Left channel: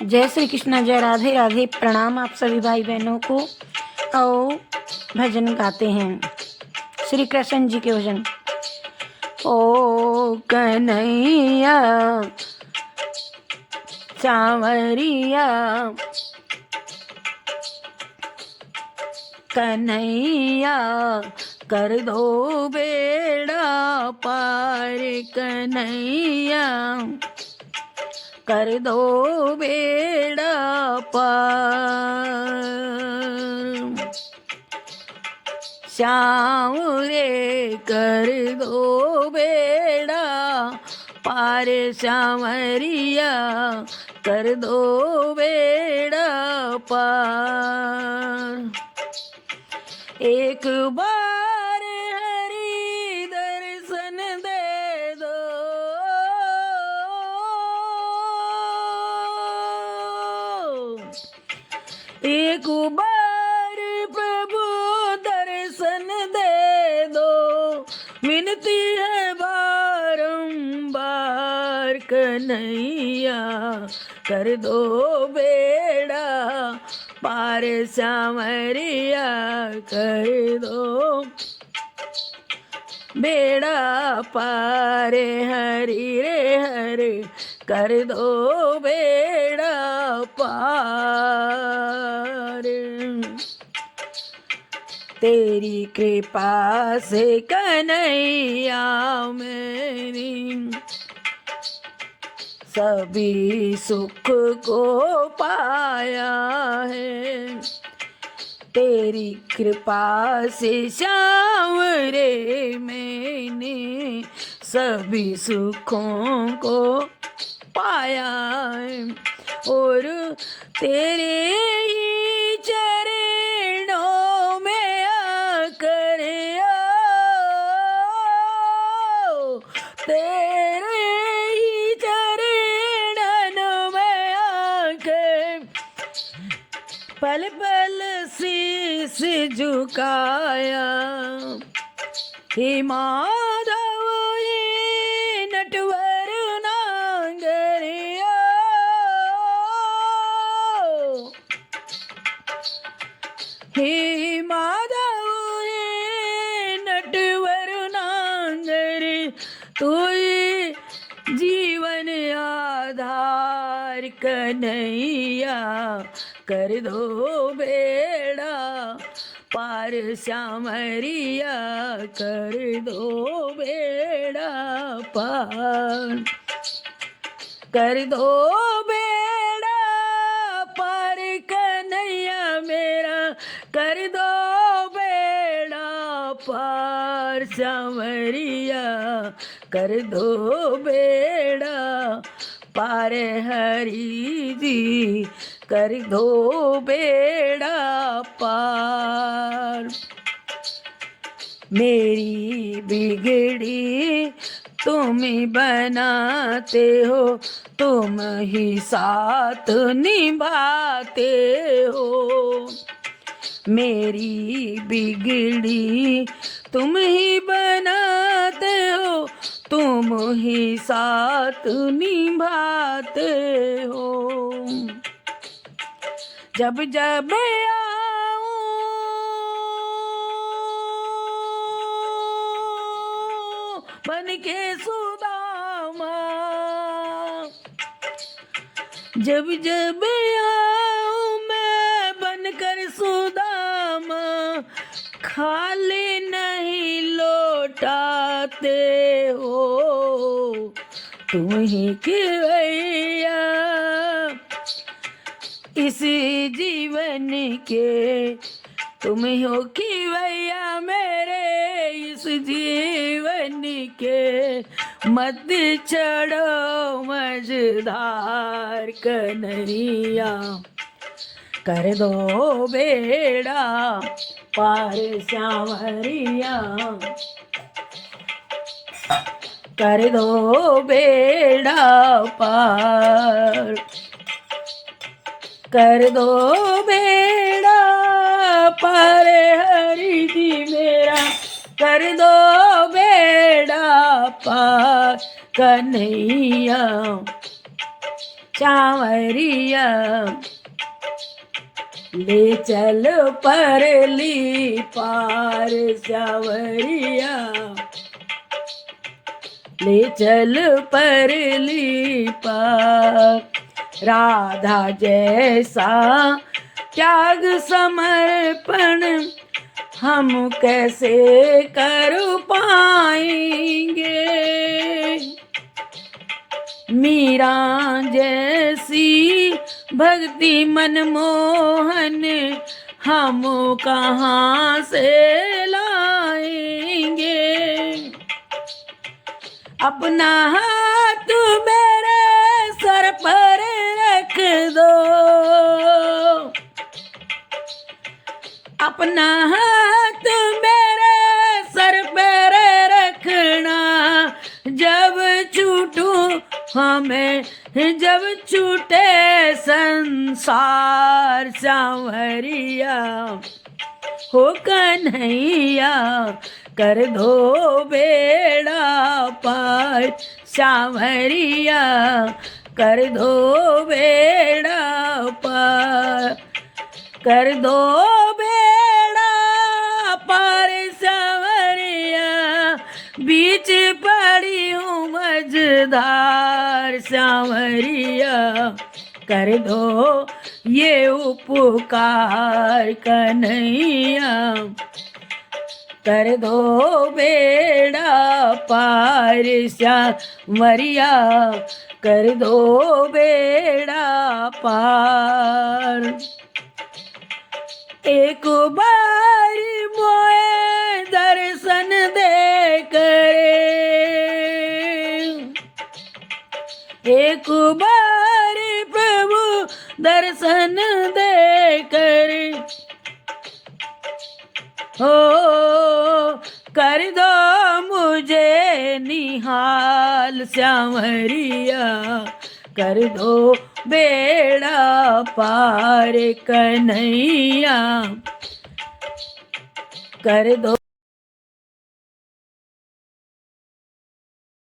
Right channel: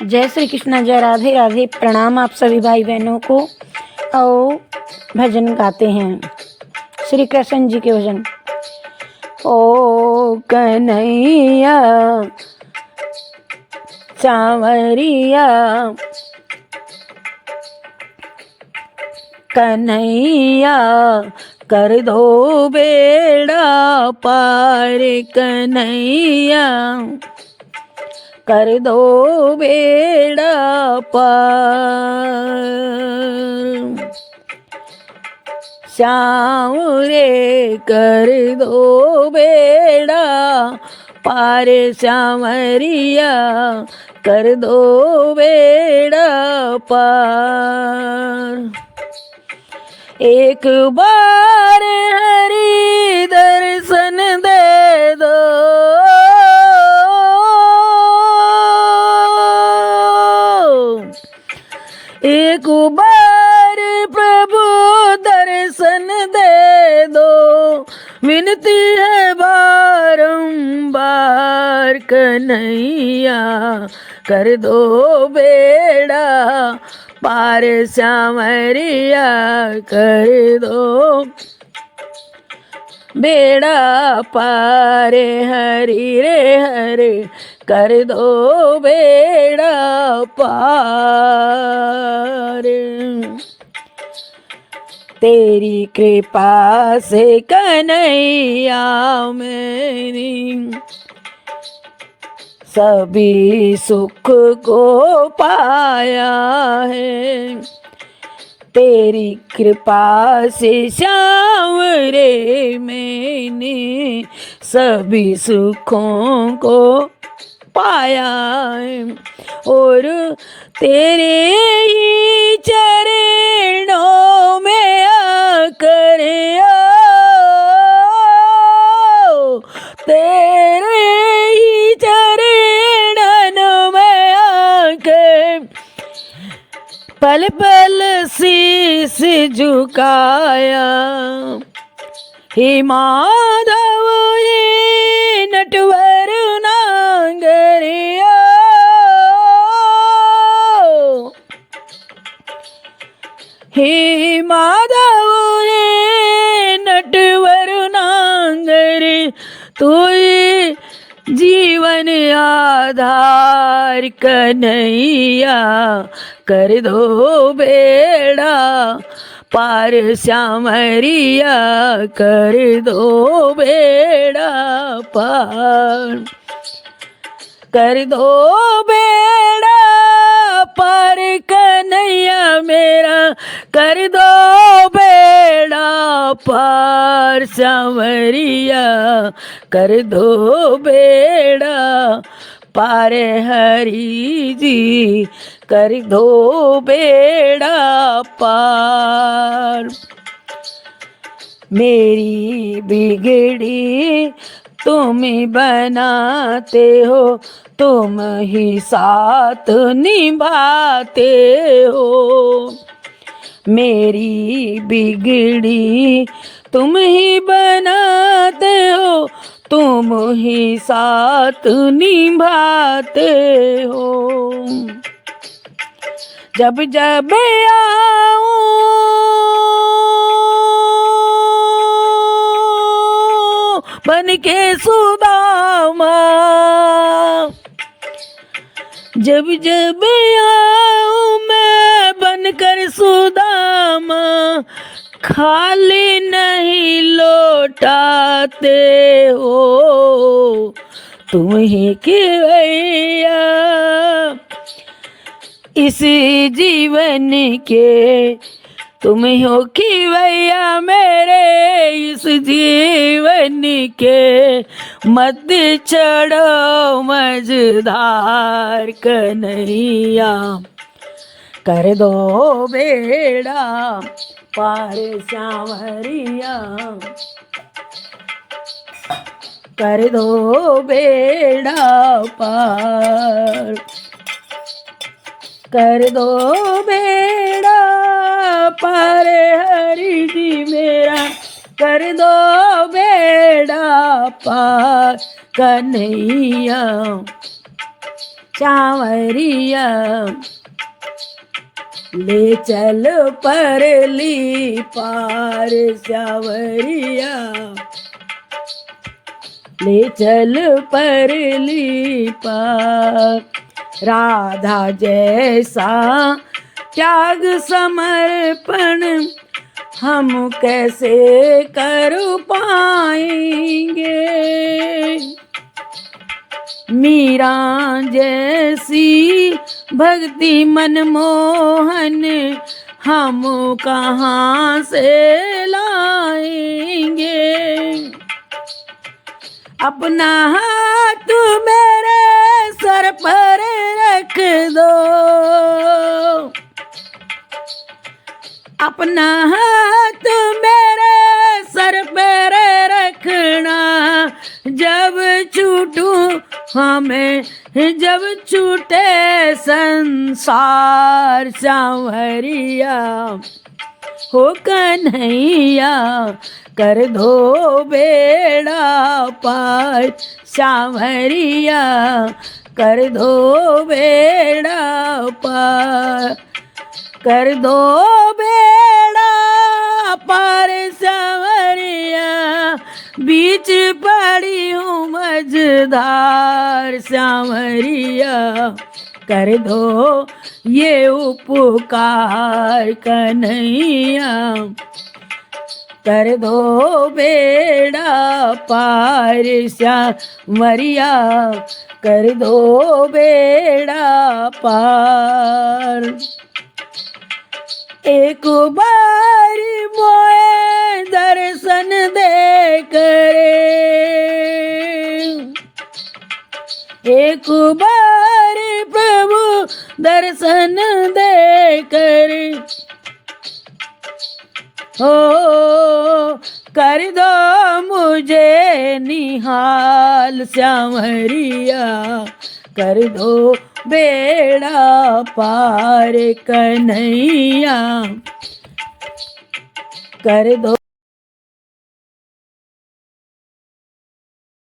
जय श्री कृष्ण, जय राधे राधे। प्रणाम आप सभी भाई बहनों को। आओ भजन गाते हैं, श्री कृष्ण जी के भजन। ओ कन्हैया सांवरिया, कन्हैया कर दो बेड़ा पार, कन्हैया कर दो बेड़ा पार। श्याम रे कर दो बेड़ा पार, श्यामरिया कर दो बेड़ा पार। एक बार हरि दर्शन दे दो, एक बार प्रभु दर्शन दे दो, विनती है बारंबार, कन्हैया कर दो बेड़ा पार, सांवरिया कर दो बेड़ा पार। हरि रे हरि कर दो बेड़ा पार। तेरी कृपा से कन्हैया मेरी सभी सुख को पाया है, तेरी कृपा से श्याम रे मैंने सभी सुखों को पाया है, और तेरे ही चरणों में आकर तेरे ही चरणों में आकर पल पल शीश झुकाया। हे माधव ये नटवर नांगरिया, हे माधव ये नटवर नांगर, तू जीवन आधार, कन्हैया कर दो बेड़ा पार, श्यामरिया कर दो बेड़ा पार, कर दो बेड़ा पार, कन्हैया मेरा कर दो बेड़ा पार, सांवरिया कर दो बेड़ा पार। हरि जी कर दो बेड़ा पार। मेरी बिगड़ी तुम ही बनाते हो, तुम ही साथ निभाते हो, मेरी बिगड़ी तुम ही बनाते हो, तुम ही साथ निभाते हो। जब जब आऊं बन के सुदामा, जब जब आऊं मैं बनकर सुदामा, खाली नहीं लौटाते हो, तुम ही खिवैया इस जीवन के, तुम हो खिवैया मेरे इस जीवन के, मत चढ़ो मझधार, कन्हैया कर दो बेड़ा पार, सांवरिया कर दो बेड़ा पार, कर दो बेड़ा पार। हरि जी मेरा कर दो बेड़ा पार, कन्हैया सांवरिया ले चल परली पार सांवरिया ले चल परली पार राधा जैसा त्याग समर्पण हम कैसे कर पाएंगे मीरा जैसी भक्ति मनमोहन हम कहाँ से लाएंगे अपना हाथ मेरे सर पर रख दो अपना हाथ मेरे सर पर रखना जब छूटूं हमें जब छूटे संसार सांवरिया हो कन्हैया कर दो बेड़ा पार सांवरिया कर दो बेड़ा पार कर दो बेड़ा पार सांवरिया बीच पड़ी हूँ मझधार सांवरिया कर दो ये उपकार कन्हैया कर दो बेड़ा पार सांवरिया कर दो बेड़ा पार एक बार मोए दर्शन दे करे एक बार प्रभु दर्शन दे करे हो कर दो मुझे निहाल सांवरिया कर दो बेड़ा पार कन्हैया कर दो